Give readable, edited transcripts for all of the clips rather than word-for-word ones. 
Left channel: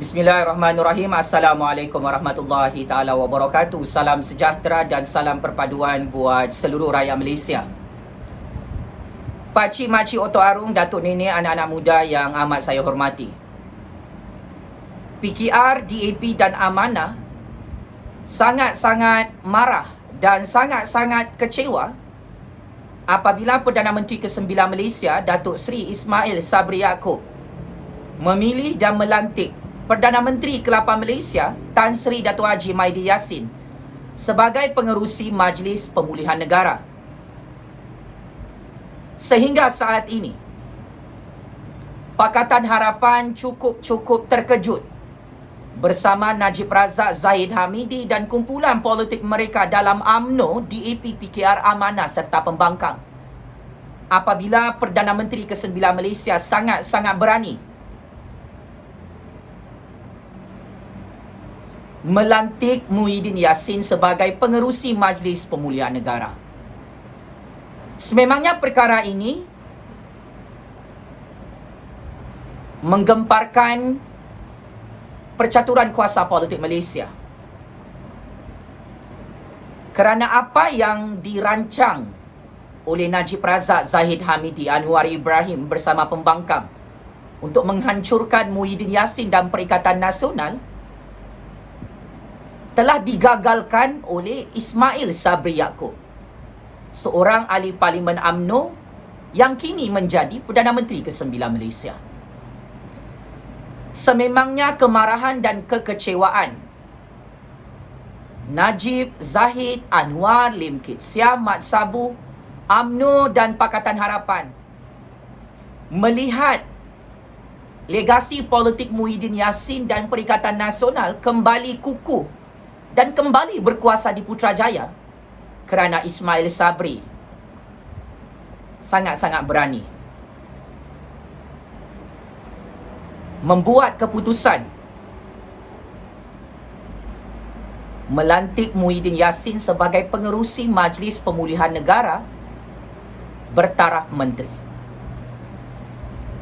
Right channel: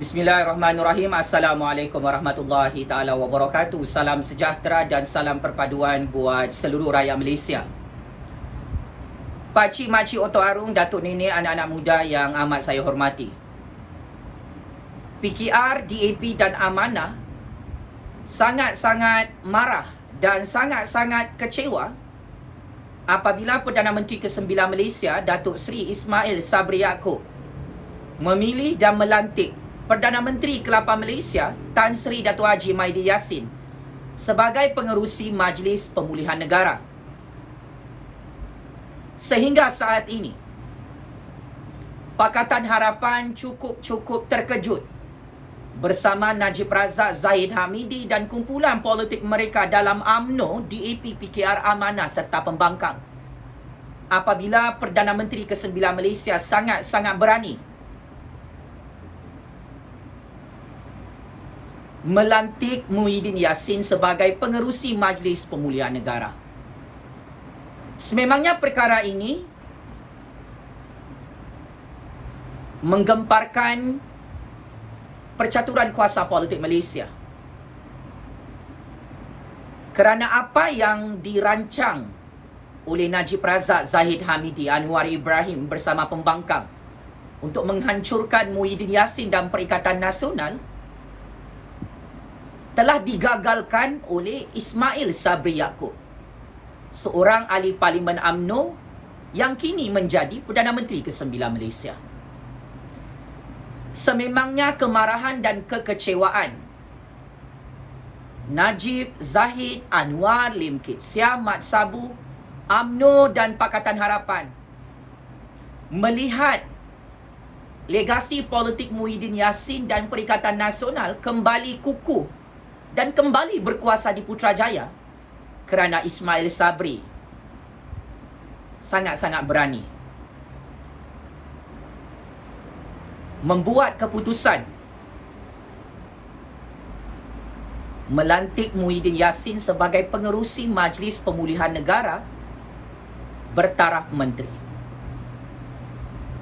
Bismillahirrahmanirrahim. Assalamualaikum warahmatullahi taala wabarakatuh. Salam sejahtera dan salam perpaduan buat seluruh rakyat Malaysia. Pakcik, makcik, otok arung, datuk nenek, anak-anak muda yang amat saya hormati. PKR, DAP dan Amanah sangat-sangat marah dan sangat-sangat kecewa apabila Perdana Menteri ke-9 Malaysia, Datuk Seri Ismail Sabri Yaakob, memilih dan melantik Perdana Menteri ke-8 Malaysia, Tan Sri Dato' Haji Maidi Yassin sebagai pengerusi Majlis Pemulihan Negara. Sehingga saat ini, Pakatan Harapan cukup terkejut bersama Najib Razak, Zahid Hamidi dan kumpulan politik mereka dalam UMNO, DAP, PKR, Amanah serta Pembangkang apabila Perdana Menteri ke-9 Malaysia sangat-sangat berani melantik Muhyiddin Yassin sebagai pengerusi Majlis Pemulihan Negara. Sememangnya perkara ini menggemparkan percaturan kuasa politik Malaysia. Kerana apa yang dirancang oleh Najib Razak, Zahid Hamidi, Anwar Ibrahim bersama Pembangkang untuk menghancurkan Muhyiddin Yassin dan Perikatan Nasional telah digagalkan oleh Ismail Sabri Yaakob, seorang ahli Parlimen UMNO yang kini menjadi Perdana Menteri ke-9 Malaysia. Sememangnya kemarahan dan kekecewaan Najib, Zahid, Anwar, Lim Kit Siam, Mat Sabu, UMNO dan Pakatan Harapan melihat legasi politik Muhyiddin Yassin dan Perikatan Nasional kembali kukuh dan kembali berkuasa di Putrajaya kerana Ismail Sabri sangat-sangat berani membuat keputusan melantik Muhyiddin Yassin sebagai pengerusi Majlis Pemulihan Negara bertaraf menteri.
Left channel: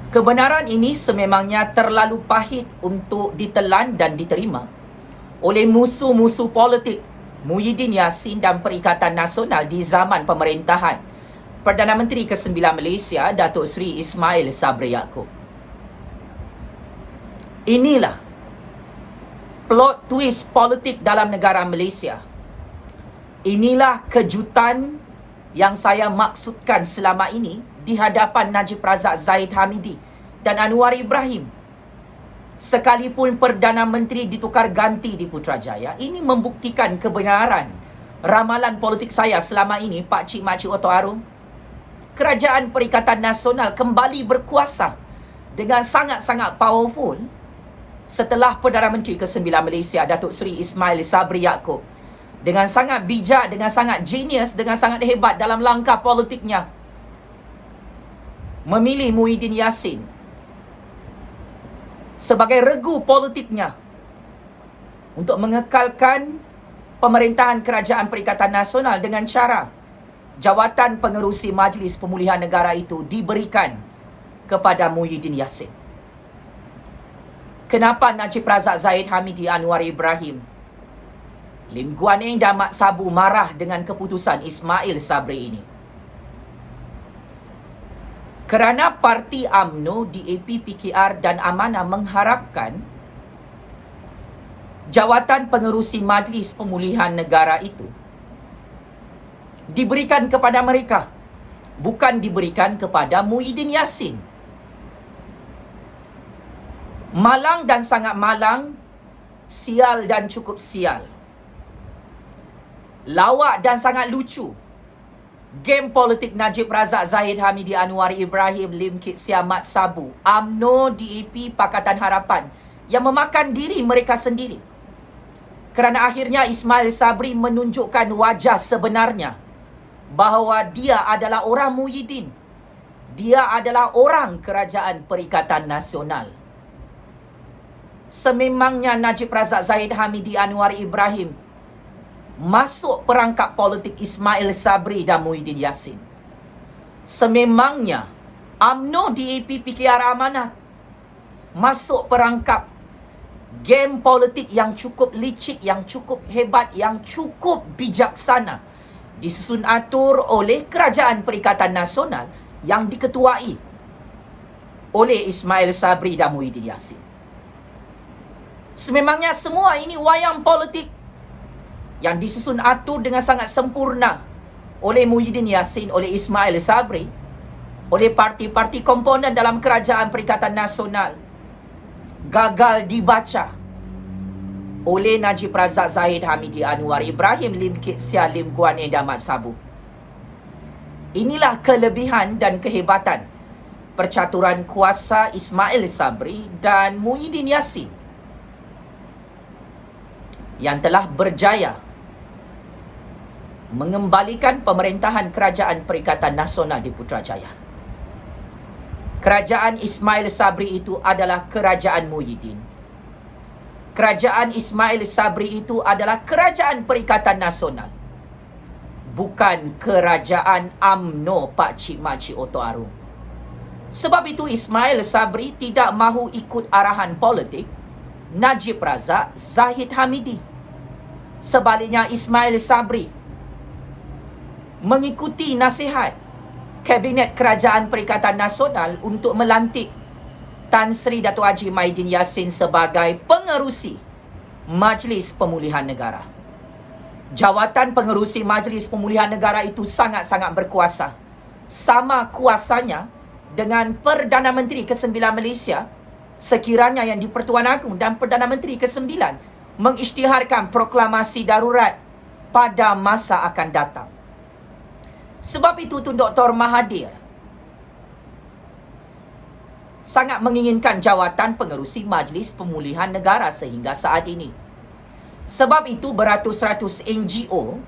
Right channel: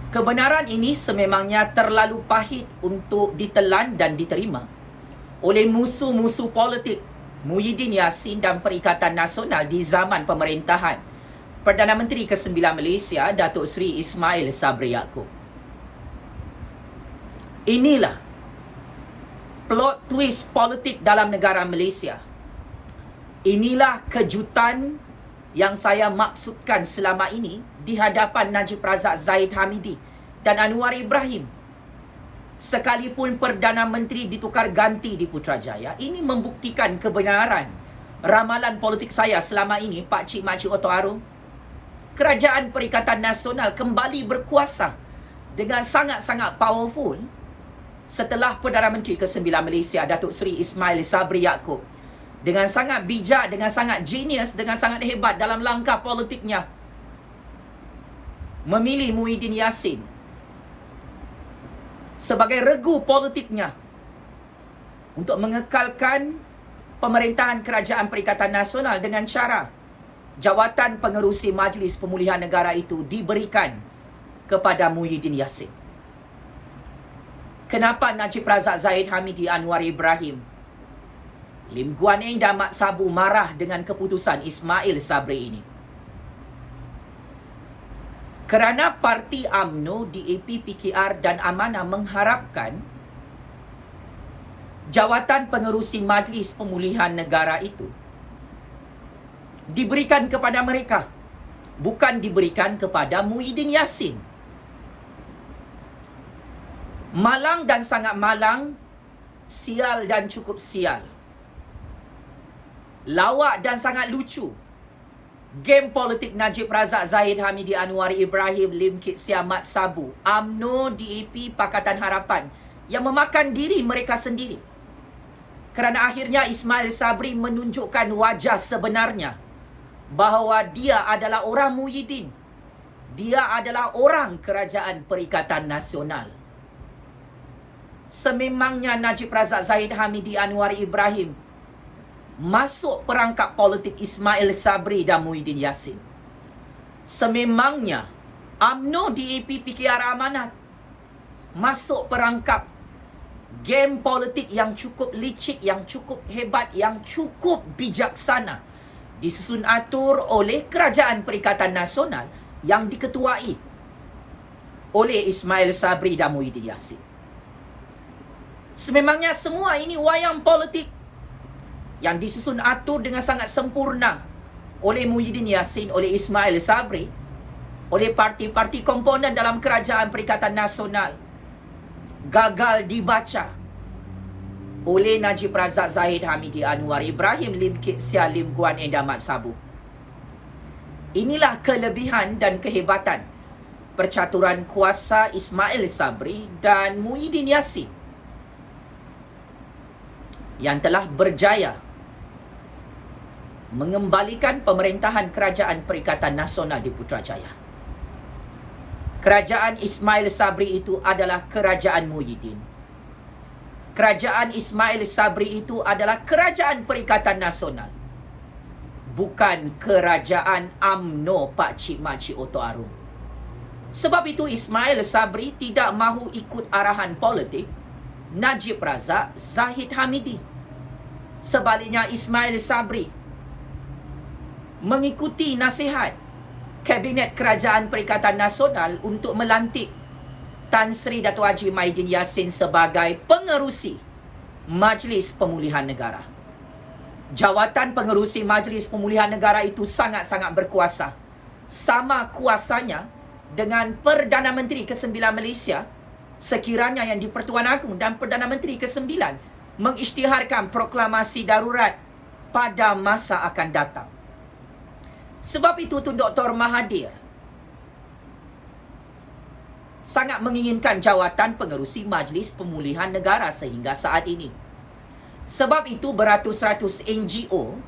Kebenaran ini sememangnya terlalu pahit untuk ditelan dan diterima oleh musuh-musuh politik Muhyiddin Yassin dan Perikatan Nasional di zaman pemerintahan Perdana Menteri ke-9 Malaysia, Datuk Seri Ismail Sabri Yaakob. Inilah plot twist politik dalam negara Malaysia. Inilah kejutan yang saya maksudkan selama ini di hadapan Najib Razak, Zahid Hamidi dan Anwar Ibrahim. Sekalipun Perdana Menteri ditukar ganti di Putrajaya, ini membuktikan kebenaran ramalan politik saya selama ini, pakcik, makcik, otok arung. Kerajaan Perikatan Nasional kembali berkuasa dengan sangat-sangat powerful setelah Perdana Menteri ke-9 Malaysia, Datuk Seri Ismail Sabri Yaakob, dengan sangat bijak, dengan sangat genius, dengan sangat hebat dalam langkah politiknya, memilih Muhyiddin Yassin sebagai regu politiknya untuk mengekalkan pemerintahan Kerajaan Perikatan Nasional dengan cara jawatan pengerusi Majlis Pemulihan Negara itu diberikan kepada Muhyiddin Yassin. Kenapa Najib Razak, Zahid Hamidi, Anwar Ibrahim, Lim Guan Eng dan Mat Sabu marah dengan keputusan Ismail Sabri ini? Kerana parti UMNO, DAP, PKR dan Amanah mengharapkan jawatan pengerusi Majlis Pemulihan Negara itu diberikan kepada mereka, bukan diberikan kepada Muhyiddin Yassin. Malang dan sangat malang, sial dan cukup sial. Lawak dan sangat lucu game politik Najib Razak, Zahid Hamidi, Anwar Ibrahim, Lim Kit Siam, Mat Sabu, UMNO, DAP, Pakatan Harapan yang memakan diri mereka sendiri. Kerana akhirnya Ismail Sabri menunjukkan wajah sebenarnya bahawa dia adalah orang Muhyiddin. Dia adalah orang Kerajaan Perikatan Nasional. Sememangnya Najib Razak, Zahid Hamidi, Anwar Ibrahim masuk perangkap politik Ismail Sabri dan Muhyiddin Yassin. Sememangnya UMNO, DAP, PKR, Amanah masuk perangkap game politik yang cukup licik, yang cukup hebat, yang cukup bijaksana disusun atur oleh Kerajaan Perikatan Nasional yang diketuai oleh Ismail Sabri dan Muhyiddin Yassin. Sememangnya semua ini wayang politik yang disusun atur dengan sangat sempurna oleh Muhyiddin Yassin, oleh Ismail Sabri, oleh parti-parti komponen dalam Kerajaan Perikatan Nasional, gagal dibaca oleh Najib Razak, Zahid Hamidi, Anwar Ibrahim, Lim Kit Sian, Lim Guan Eng dan Mat Sabu. Inilah kelebihan dan kehebatan percaturan kuasa Ismail Sabri dan Muhyiddin Yassin yang telah berjaya mengembalikan pemerintahan Kerajaan Perikatan Nasional di Putrajaya. Kerajaan Ismail Sabri itu adalah kerajaan Muhyiddin. Kerajaan Ismail Sabri itu adalah Kerajaan Perikatan Nasional, bukan kerajaan UMNO Pak Cik Makcik Oto Aru. Sebab itu Ismail Sabri tidak mahu ikut arahan politik Najib Razak, Zahid Hamidi. Sebaliknya Ismail Sabri mengikuti nasihat Kabinet Kerajaan Perikatan Nasional untuk melantik Tan Sri Dato' Haji Muhyiddin Yassin sebagai pengerusi Majlis Pemulihan Negara. Jawatan pengerusi Majlis Pemulihan Negara itu sangat-sangat berkuasa. Sama kuasanya dengan Perdana Menteri ke-9 Malaysia sekiranya yang di-Pertuan Agong dan Perdana Menteri ke-9 mengisytiharkan proklamasi darurat pada masa akan datang. Sebab itu Tun Dr. Mahathir sangat menginginkan jawatan pengerusi Majlis Pemulihan Negara sehingga saat ini. Sebab itu beratus-ratus NGO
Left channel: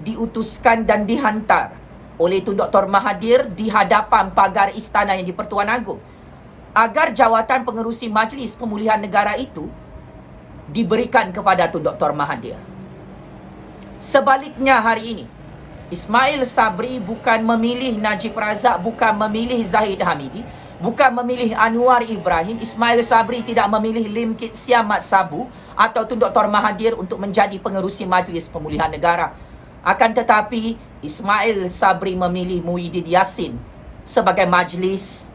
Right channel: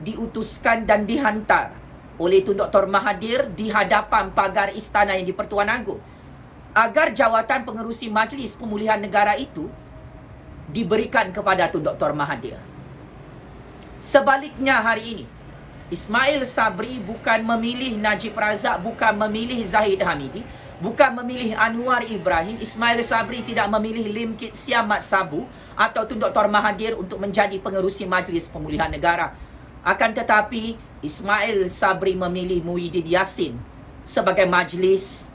diutuskan dan dihantar oleh Tun Dr. Mahathir di hadapan pagar istana yang di-Pertuan Agong agar jawatan pengerusi Majlis Pemulihan Negara itu diberikan kepada Tun Dr. Mahathir. Sebaliknya hari ini Ismail Sabri bukan memilih Najib Razak, bukan memilih Zahid Hamidi, bukan memilih Anwar Ibrahim. Ismail Sabri tidak memilih Lim Kit Sian, Mat Sabu atau Tun Dr. Mahathir untuk menjadi pengerusi Majlis Pemulihan Negara. Akan tetapi Ismail Sabri memilih Muhyiddin Yassin sebagai majlis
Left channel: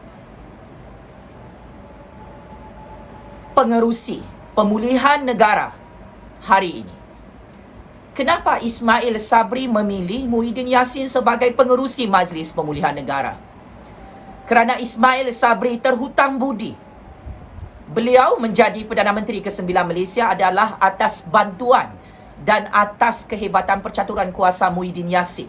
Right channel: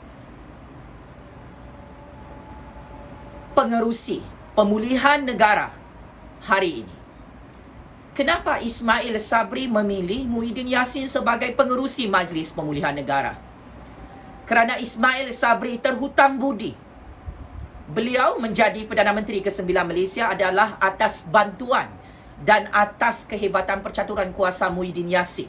pengerusi pemulihan negara hari ini. Kenapa Ismail Sabri memilih Muhyiddin Yassin sebagai pengerusi Majlis Pemulihan Negara? Kerana Ismail Sabri terhutang budi. Beliau menjadi Perdana Menteri ke-9 Malaysia adalah atas bantuan dan atas kehebatan percaturan kuasa Muhyiddin Yassin.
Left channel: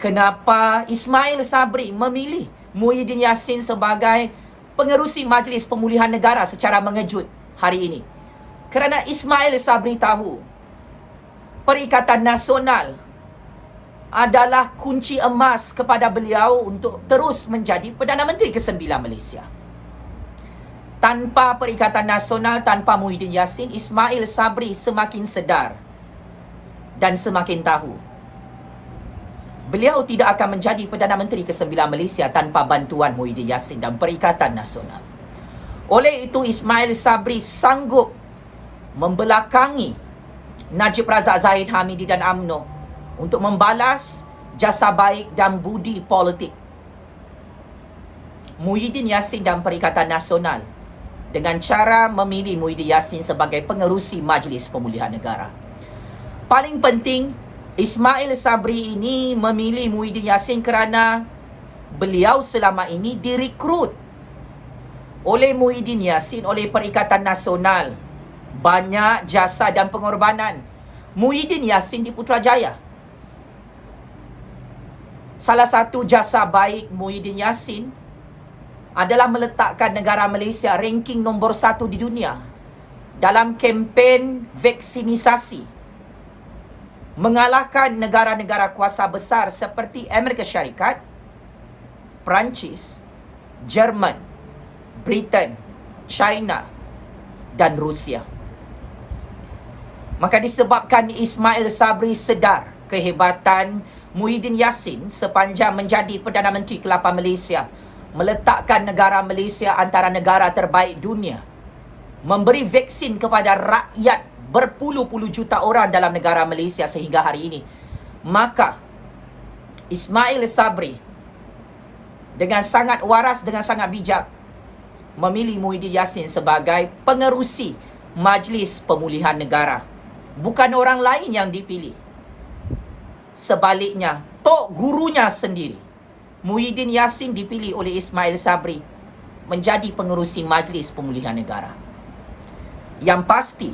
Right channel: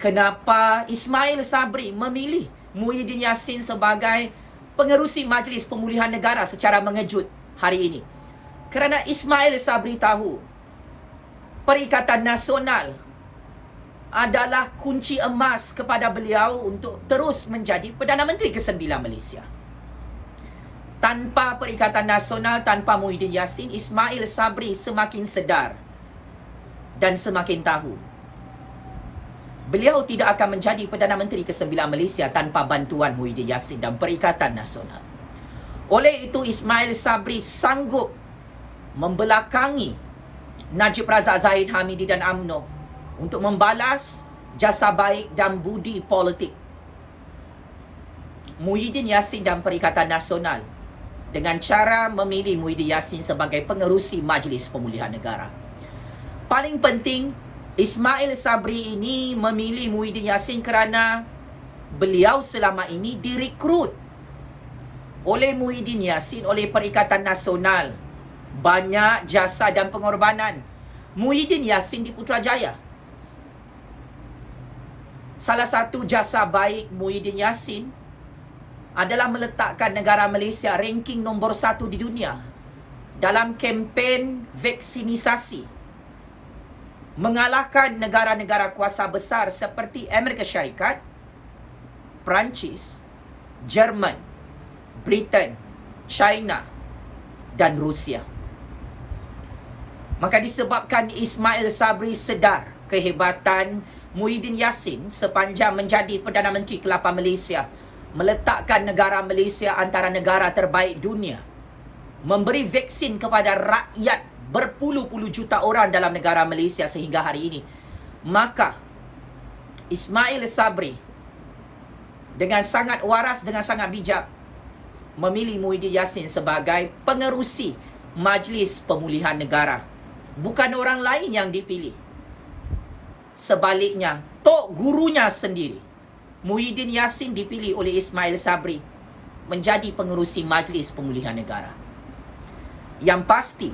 Kenapa Ismail Sabri memilih Muhyiddin Yassin sebagai pengerusi Majlis Pemulihan Negara secara mengejut hari ini? Kerana Ismail Sabri tahu Perikatan Nasional adalah kunci emas kepada beliau untuk terus menjadi Perdana Menteri ke-9 Malaysia. Tanpa Perikatan Nasional, tanpa Muhyiddin Yassin, Ismail Sabri semakin sedar dan semakin tahu beliau tidak akan menjadi Perdana Menteri ke-9 Malaysia tanpa bantuan Muhyiddin Yassin dan Perikatan Nasional. Oleh itu Ismail Sabri sanggup membelakangi Najib Razak, Zahid Hamidi dan UMNO untuk membalas jasa baik dan budi politik Muhyiddin Yassin dan Perikatan Nasional dengan cara memilih Muhyiddin Yassin sebagai pengerusi Majlis Pemulihan Negara. Paling penting, Ismail Sabri ini memilih Muhyiddin Yassin kerana beliau selama ini direkrut oleh Muhyiddin Yassin, oleh Perikatan Nasional. Banyak jasa dan pengorbanan Muhyiddin Yassin di Putrajaya. Salah satu jasa baik Muhyiddin Yassin adalah meletakkan negara Malaysia ranking nombor 1 di dunia dalam kempen vaksinisasi, mengalahkan negara-negara kuasa besar seperti Amerika Syarikat, Perancis, Jerman, Britain, China dan Rusia. Maka disebabkan Ismail Sabri sedar kehebatan Muhyiddin Yassin sepanjang menjadi Perdana Menteri ke-8 Malaysia, meletakkan negara Malaysia antara negara terbaik dunia memberi vaksin kepada rakyat berpuluh-puluh juta orang dalam negara Malaysia sehingga hari ini, maka Ismail Sabri dengan sangat waras, dengan sangat bijak memilih Muhyiddin Yassin sebagai pengerusi Majlis Pemulihan Negara. Bukan orang lain yang dipilih. Sebaliknya, tok gurunya sendiri, Muhyiddin Yassin, dipilih oleh Ismail Sabri menjadi pengerusi Majlis Pemulihan Negara. Yang pasti,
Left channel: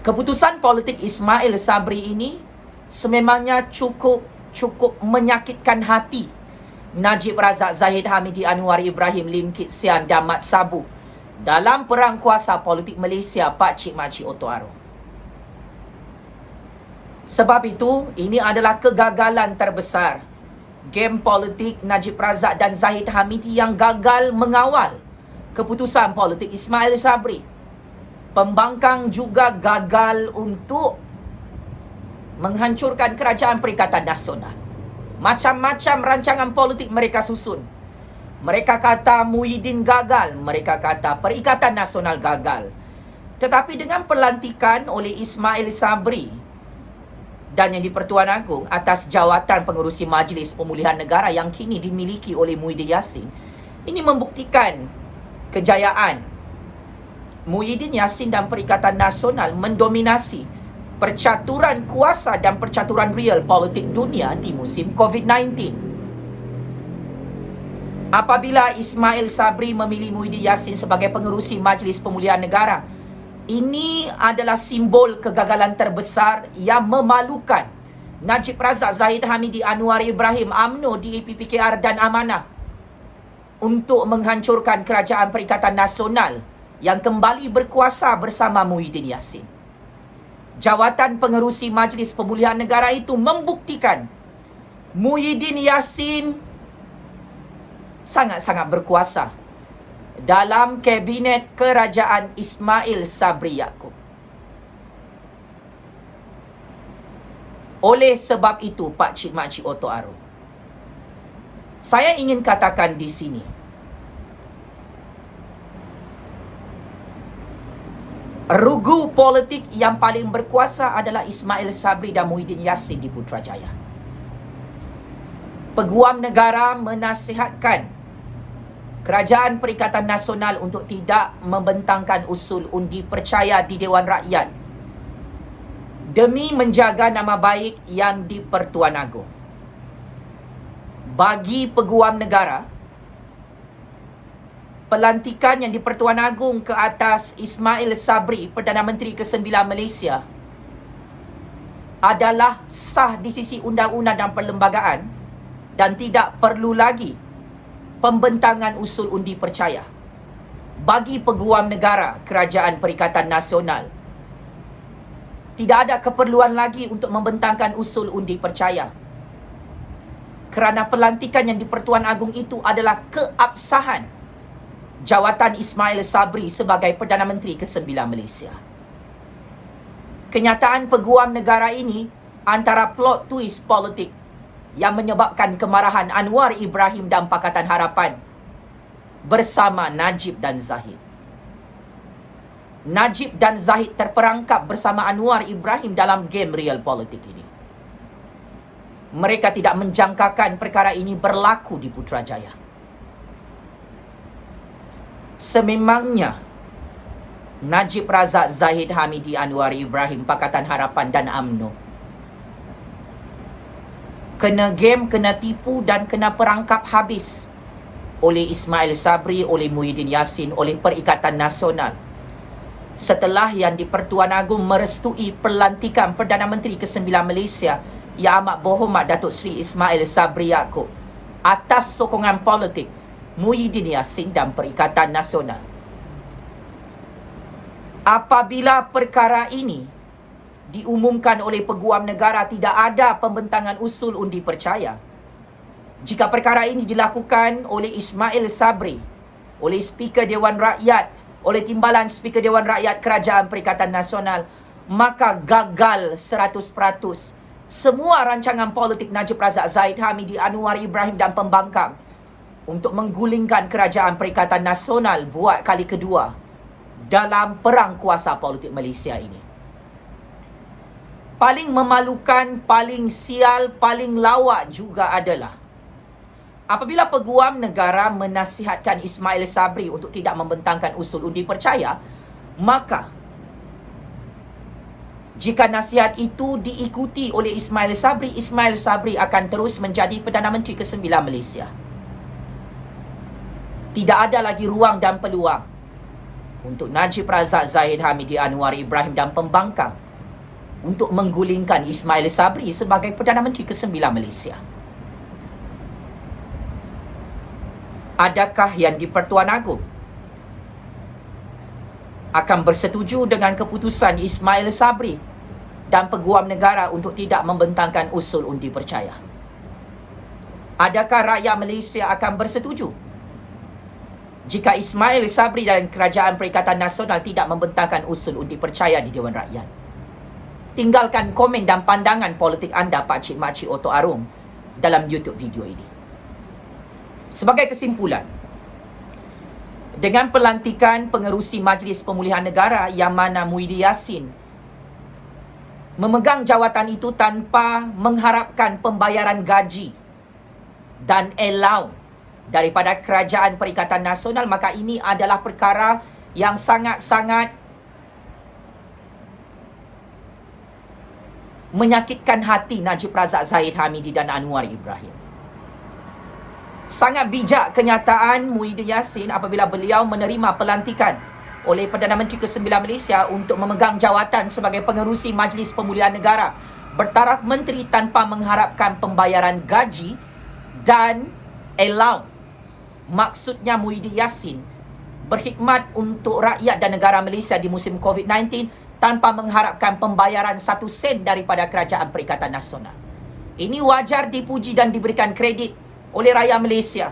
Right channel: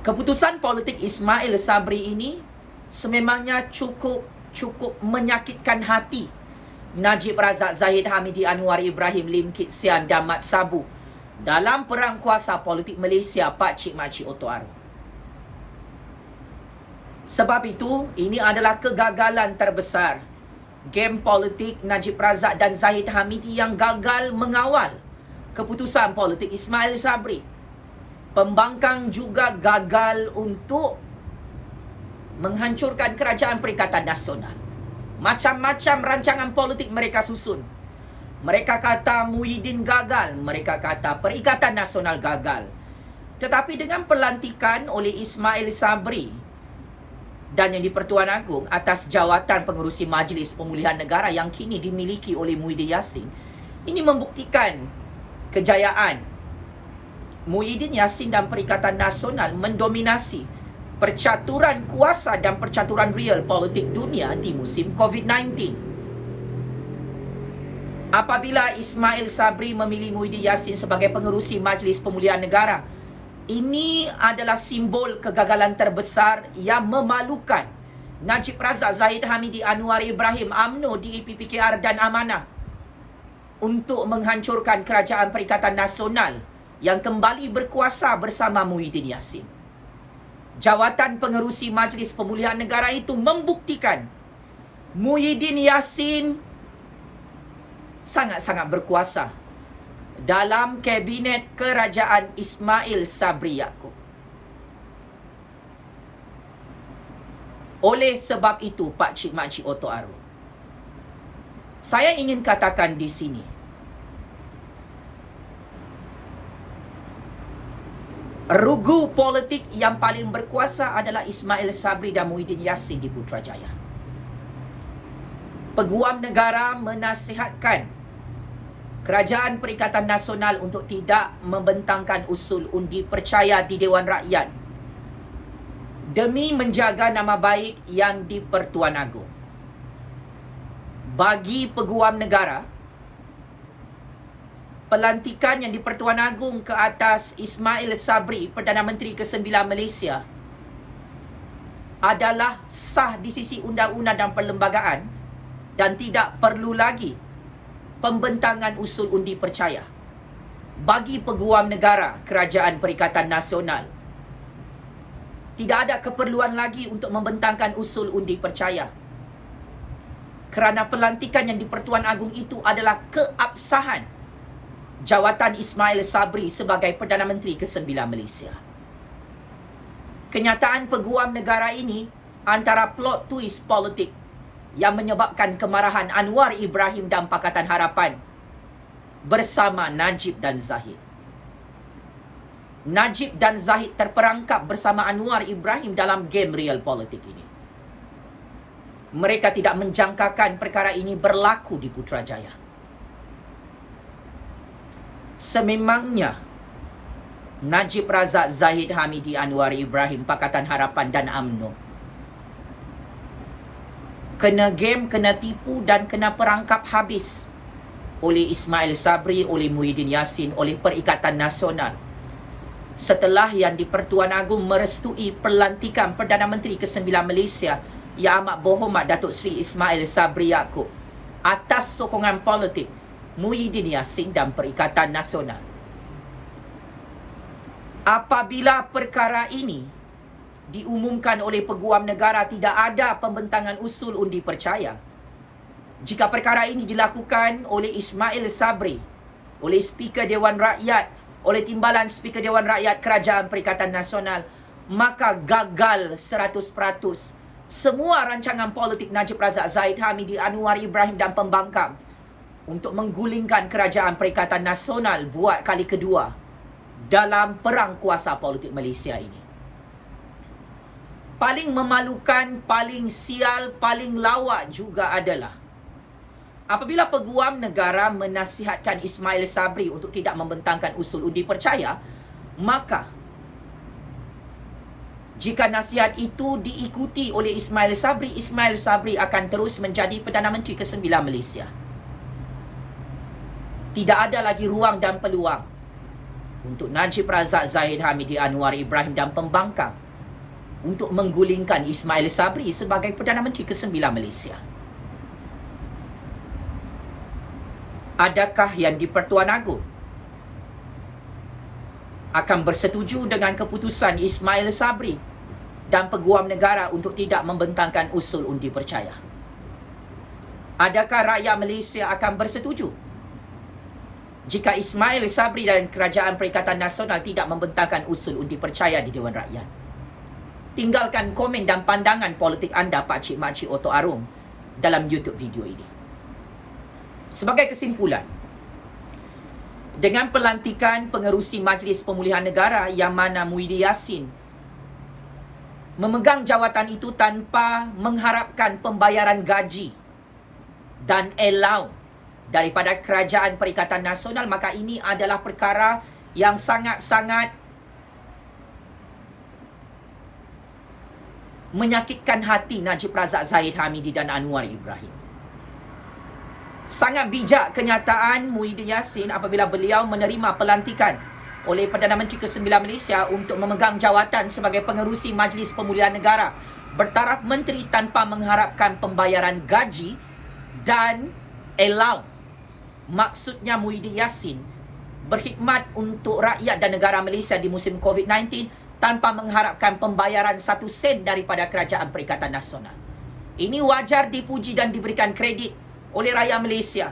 keputusan politik Ismail Sabri ini sememangnya cukup menyakitkan hati Najib Razak, Zahid Hamidi, Anwar Ibrahim, Lim Kit Sian dan Mat Sabu dalam perang kuasa politik Malaysia Pakcik Makcik Oto Aro. Sebab itu, ini adalah kegagalan terbesar game politik Najib Razak dan Zahid Hamidi yang gagal mengawal keputusan politik Ismail Sabri. Pembangkang juga gagal untuk menghancurkan Kerajaan Perikatan Nasional. Macam-macam rancangan politik mereka susun. Mereka kata Muhyiddin gagal, mereka kata Perikatan Nasional gagal. Tetapi dengan pelantikan oleh Ismail Sabri dan yang di-Pertuan Agong atas jawatan pengerusi Majlis Pemulihan Negara yang kini dimiliki oleh Muhyiddin Yassin, ini membuktikan kejayaan Muhyiddin Yassin dan Perikatan Nasional mendominasi percaturan kuasa dan percaturan real politik dunia di musim COVID-19. Apabila Ismail Sabri memilih Muhyiddin Yassin sebagai pengerusi Majlis Pemulihan Negara, ini adalah simbol kegagalan terbesar yang memalukan Najib Razak, Zahid Hamidi, Anwar Ibrahim, UMNO, DAP, PKR dan Amanah untuk menghancurkan Kerajaan Perikatan Nasional yang kembali berkuasa bersama Muhyiddin Yassin. Jawatan pengerusi Majlis Pemulihan Negara itu membuktikan Muhyiddin Yassin sangat-sangat berkuasa dalam kabinet kerajaan Ismail Sabri Yaakob. Oleh sebab itu, Pakcik Makcik Oto Aro, saya ingin katakan di sini, rugu politik yang paling berkuasa adalah Ismail Sabri dan Muhyiddin Yassin di Putrajaya. Peguam negara menasihatkan Kerajaan Perikatan Nasional untuk tidak membentangkan usul undi percaya di Dewan Rakyat demi menjaga nama baik yang di-Pertuan Agong. Bagi Peguam negara, pelantikan yang di-Pertuan Agong ke atas Ismail Sabri, Perdana Menteri ke-9 Malaysia, adalah sah di sisi undang-undang dan perlembagaan dan tidak perlu lagi pembentangan usul undi percaya. Bagi Peguam negara Kerajaan Perikatan Nasional, tidak ada keperluan lagi untuk membentangkan usul undi percaya, kerana pelantikan yang di-Pertuan Agong itu adalah keabsahan jawatan Ismail Sabri sebagai Perdana Menteri ke-9 Malaysia. Kenyataan Peguam negara ini antara plot twist politik yang menyebabkan kemarahan Anwar Ibrahim dan Pakatan Harapan bersama Najib dan Zahid. Najib dan Zahid terperangkap bersama Anwar Ibrahim dalam game real politik ini. Mereka tidak menjangkakan perkara ini berlaku di Putrajaya. Sememangnya Najib Razak, Zahid Hamidi, Anwar Ibrahim, Pakatan Harapan dan UMNO kena game, kena tipu dan kena perangkap habis oleh Ismail Sabri, oleh Muhyiddin Yassin, oleh Perikatan Nasional, setelah yang di-Pertuan Agong merestui pelantikan Perdana Menteri ke-9 Malaysia Yang Amat Berhormat Datuk Seri Ismail Sabri Yaakob atas sokongan politik Muhyiddin Yassin dan Perikatan Nasional. Apabila perkara ini diumumkan oleh Peguam negara tidak ada pembentangan usul undi percaya, jika perkara ini dilakukan oleh Ismail Sabri, oleh Speaker Dewan Rakyat, oleh Timbalan Speaker Dewan Rakyat Kerajaan Perikatan Nasional, maka gagal 100% semua rancangan politik Najib Razak, Zahid Hamidi, Anwar Ibrahim dan pembangkang untuk menggulingkan Kerajaan Perikatan Nasional buat kali kedua dalam perang kuasa politik Malaysia ini. Paling memalukan, paling sial, paling lawak juga adalah apabila Peguam Negara menasihatkan Ismail Sabri untuk tidak membentangkan usul undi percaya, maka jika nasihat itu diikuti oleh Ismail Sabri akan terus menjadi Perdana Menteri ke-9 Malaysia. Tidak ada lagi ruang dan peluang untuk Najib Razak, Zahid Hamidi, Anwar Ibrahim dan pembangkang untuk menggulingkan Ismail Sabri sebagai Perdana Menteri ke-9 Malaysia. Adakah yang di-Pertuan Agong akan bersetuju dengan keputusan Ismail Sabri dan Peguam Negara untuk tidak membentangkan usul undi percaya? Adakah rakyat Malaysia akan bersetuju jika Ismail Sabri dan Kerajaan Perikatan Nasional tidak membentangkan usul undi percaya di Dewan Rakyat? Tinggalkan komen dan pandangan politik anda, Pakcik Makcik Oto Arum, dalam YouTube video ini. Sebagai kesimpulan, dengan pelantikan pengerusi Majlis Pemulihan Negara yang mana Muhyiddin Yassin memegang jawatan itu tanpa mengharapkan pembayaran gaji dan allowance daripada Kerajaan Perikatan Nasional, maka ini adalah perkara yang sangat-sangat menyakitkan hati Najib Razak, Zahid Hamidi dan Anwar Ibrahim. Sangat bijak kenyataan Muhyiddin Yassin apabila beliau menerima pelantikan oleh Perdana Menteri ke-9 Malaysia untuk memegang jawatan sebagai pengerusi Majlis Pemulihan Negara bertaraf menteri tanpa mengharapkan pembayaran gaji dan allowance. Maksudnya Muhyiddin Yassin berkhidmat untuk rakyat dan negara Malaysia di musim COVID-19 tanpa mengharapkan pembayaran 1 sen daripada Kerajaan Perikatan Nasional. Ini wajar dipuji dan diberikan kredit oleh rakyat Malaysia.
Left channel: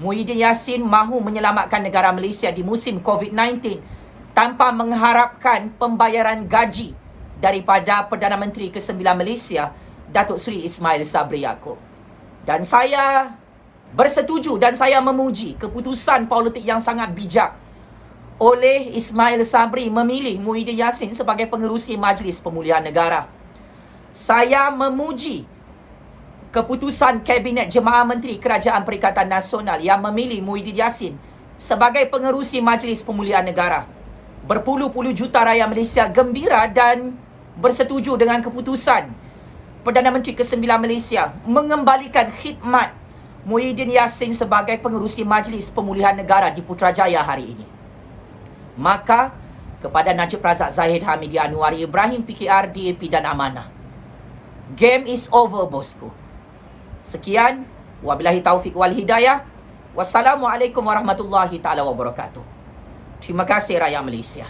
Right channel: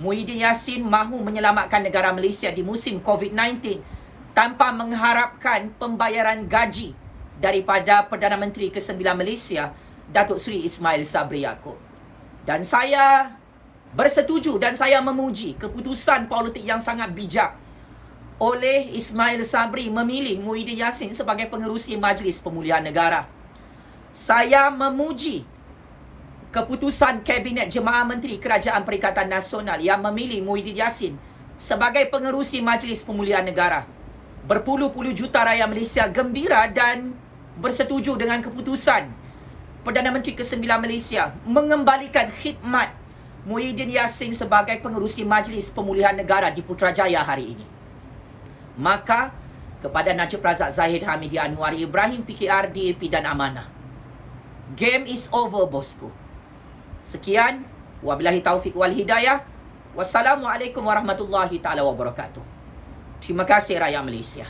Muhyiddin Yassin mahu menyelamatkan negara Malaysia di musim COVID-19 tanpa mengharapkan pembayaran gaji daripada Perdana Menteri ke-9 Malaysia, Datuk Seri Ismail Sabri Yaakob. Dan saya bersetuju dan saya memuji keputusan politik yang sangat bijak oleh Ismail Sabri memilih Muhyiddin Yassin sebagai pengerusi Majlis Pemulihan Negara. Saya memuji keputusan Kabinet Jemaah Menteri Kerajaan Perikatan Nasional yang memilih Muhyiddin Yassin sebagai pengerusi Majlis Pemulihan Negara. Berpuluh-puluh juta rakyat Malaysia gembira dan bersetuju dengan keputusan Perdana Menteri ke-9 Malaysia mengembalikan khidmat Muhyiddin Yassin sebagai pengerusi Majlis Pemulihan Negara di Putrajaya hari ini. Maka kepada Najib Razak, Zahid Hamidi, Anwar Ibrahim, PKR, DAP dan Amanah, game is over, bosku. Sekian, wabillahi taufiq wal hidayah. Wassalamualaikum warahmatullahi taala wabarakatuh. Terima kasih rakyat Malaysia.